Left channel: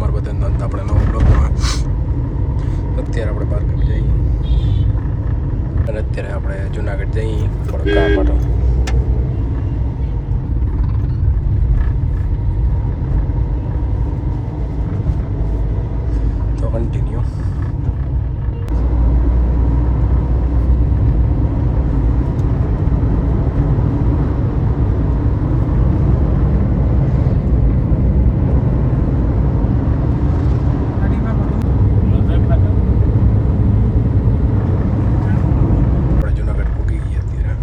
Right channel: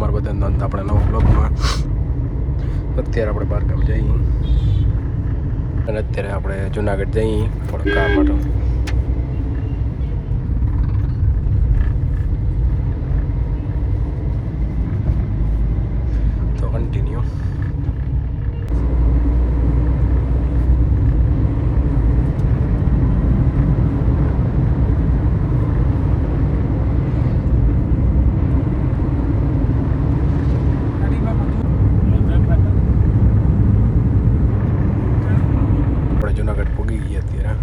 તમારા બધાનો અંત આપણે નવા બ્લોગમાં. અત્યારે આપણે બહારગામ જઈએ અને અત્યારે આપણે જુનાગઢ જઈએ થોડું કામ માટે. તો કન્ટિન્યુ. જુનાગઢ પૂગી ગયા અત્યારે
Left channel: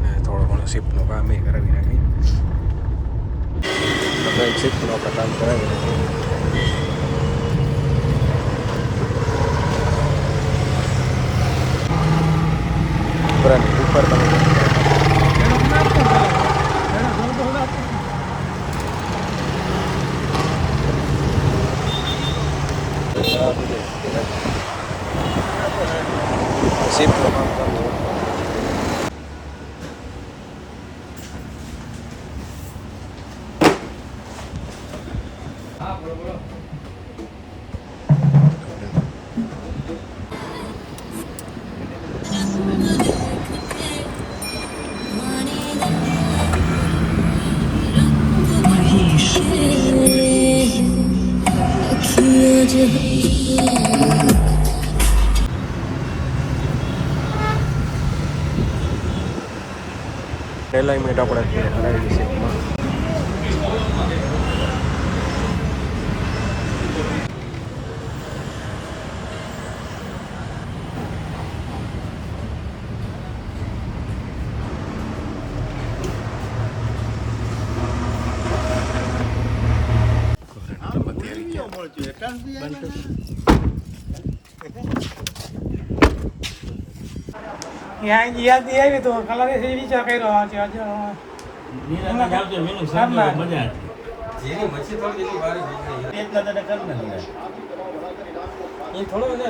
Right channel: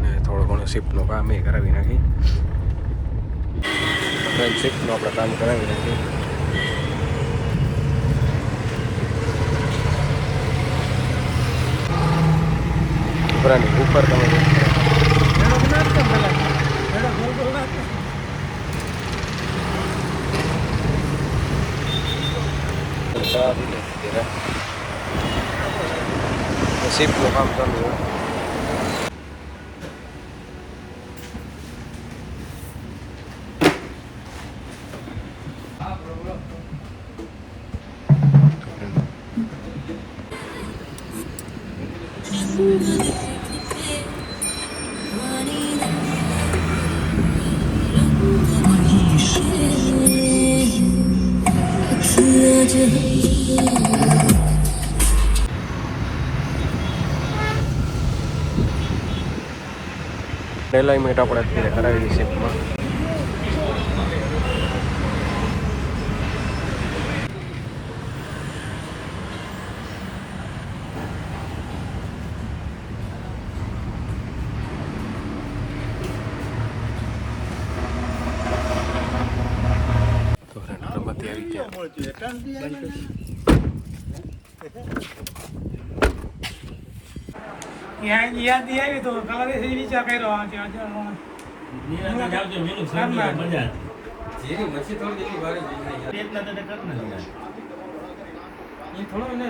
ને થોડું ઘણું શિપનું કામ એ કરાવી નાખી. શિપનું આપણે કામ કરાવી નાખી. ઉપર તમે શિપનું કામ ચાલુ હોય. એલાઇનમેન્ટ આપણે અત્યારે કરાવી શિપમાં. યાદ આવી તો કલર વિચાર કર્યો આજે થોડો ને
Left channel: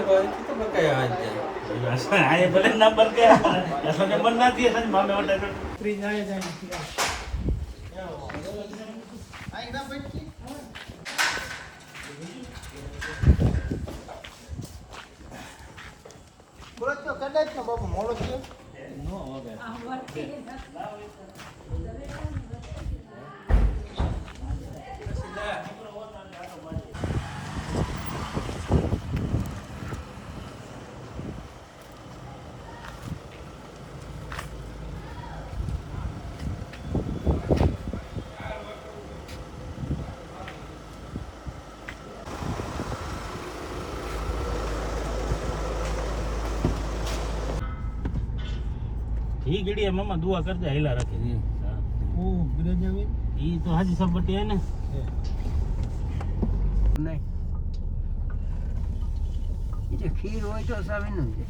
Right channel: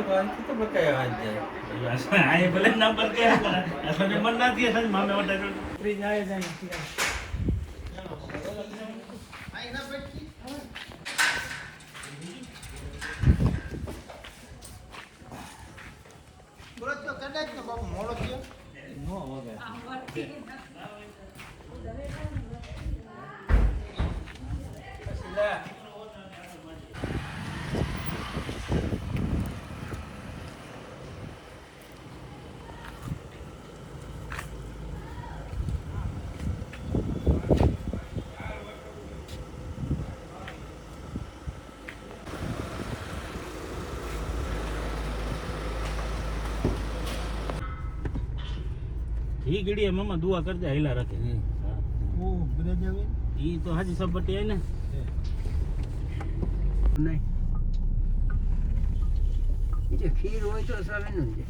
ઈ ગડીએ મામા દુઆ કરજે હેલા રાખે ઓ બ્રેજ આવે ઈ તો હાજી સબ બટે ને નહીં એ ખીર હોય તો સાવીનું છે.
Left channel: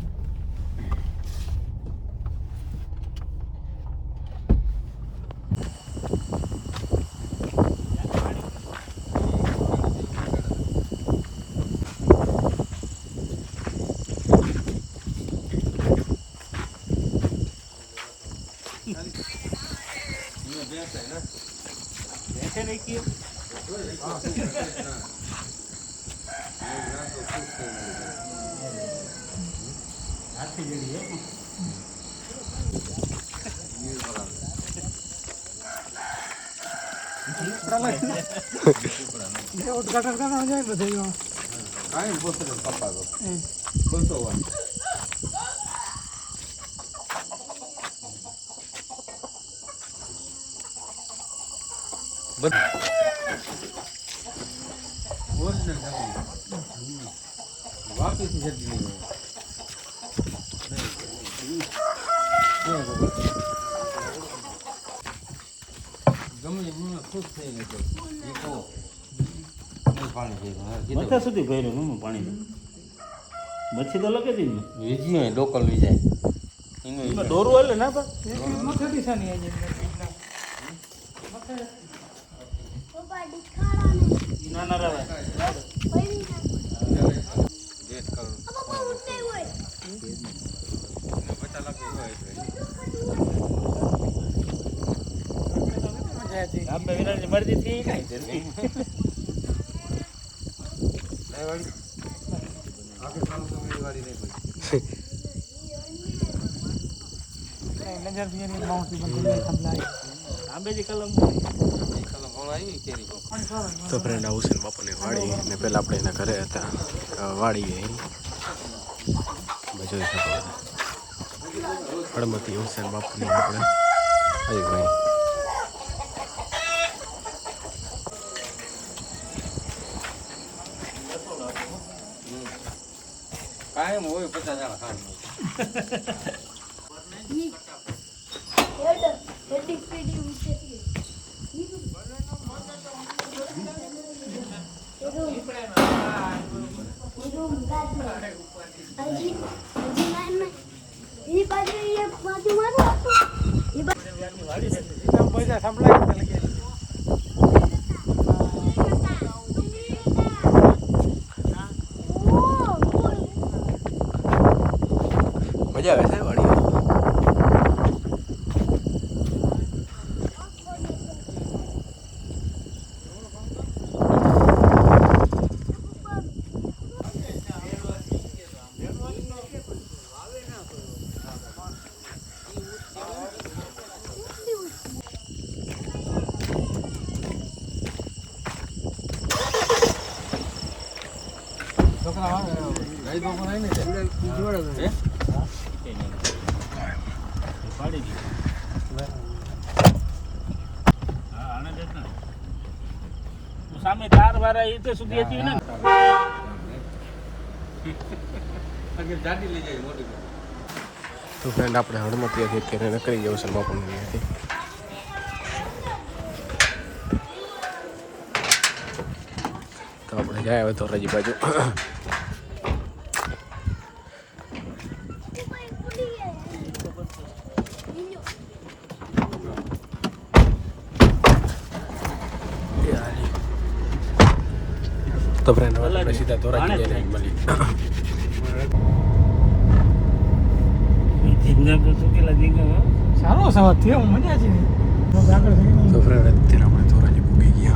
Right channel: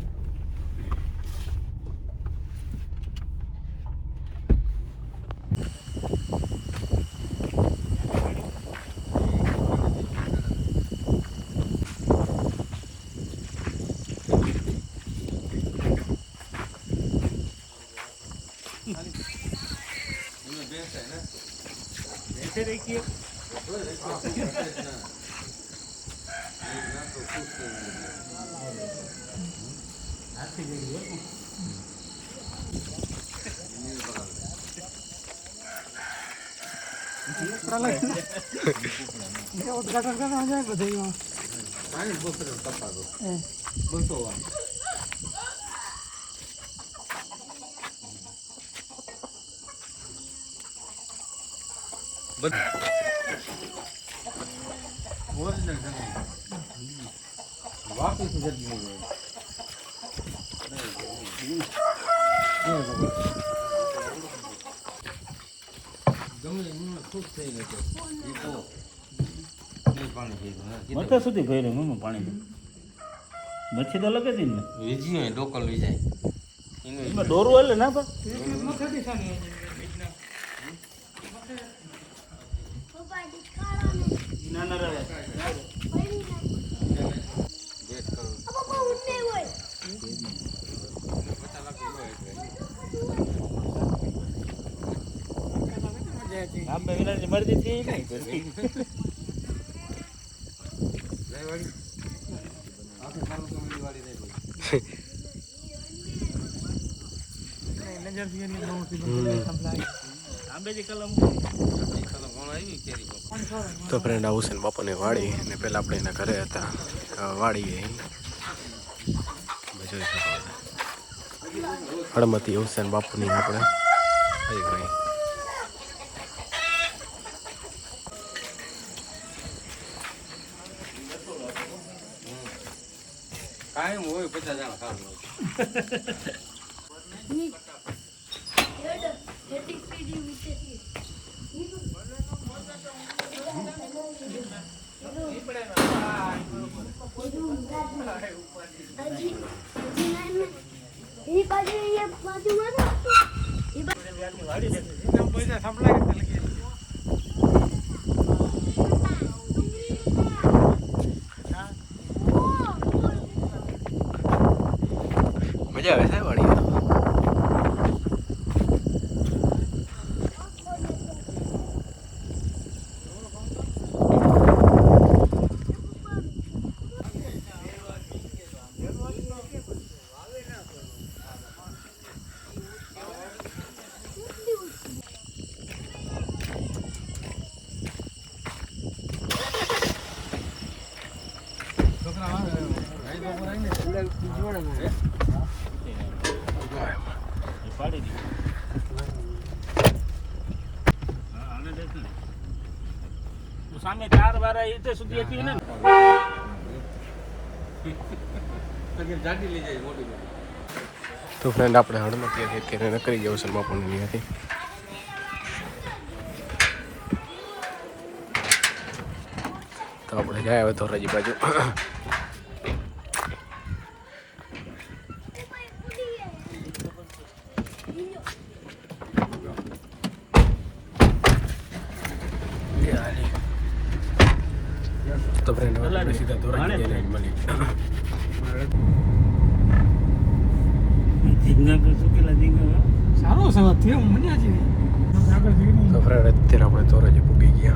ऐसे देखिए ઉદઘાટન કરવા જાય બધું કાંઈ બોલતો પપ્પા તો બોલતો હોય. वापिस जल्दी नहीं हो गमे હું ખુશ થઈ ગયો તો પાણી પીવું મચ્છર સુધી ભરેલું નું પાણી મચ્છી તો લગે દીને વીજી લોકલ વી જાય એમાં દોરું હાલે ના તો મથે દિશાની આવી ના ના રહે વેટ કરો પતા લાગે હોય મજા હતી. આમ વિરાની મરજી થી નહીં જલ્દી નજર થી માઉન્ટી આંબેજી કલમ તો ફ્રેન્ડ આ હુસેન બાપુની વાડી ને પહેલાં આપણે એના ઘરે હતા વાડી એ તમે જોઈ શકો છો હળમતી હુસેન બાપુની આપણે આવી ભાઈ કાયમ હોય 50 જણા ખાવાનું પૈસા સંભળાય લગે મજા આવે છે વાડી સામે તાર વાળા એ તો સુધી હતી ને જાડી લઈ જાય મોટી મોટી તો ફ્રેન્ડ આપણે હળમતી અત્યારે નકરી ગયા હુસેન બાપુની હતી તો આપણે જાય હવે ધોરાજી બાજુ તો ફ્રેન્ડ હવે આપણે સીધા ધોરાજી જઈને મળી ધીંગા તો શું કેલા ધીંગા સારો સવાદ થયો મજા છે આગળ થઈ તો ફ્રેન્ડ અત્યારે આપણે ધોરાજી પૂગી ગયા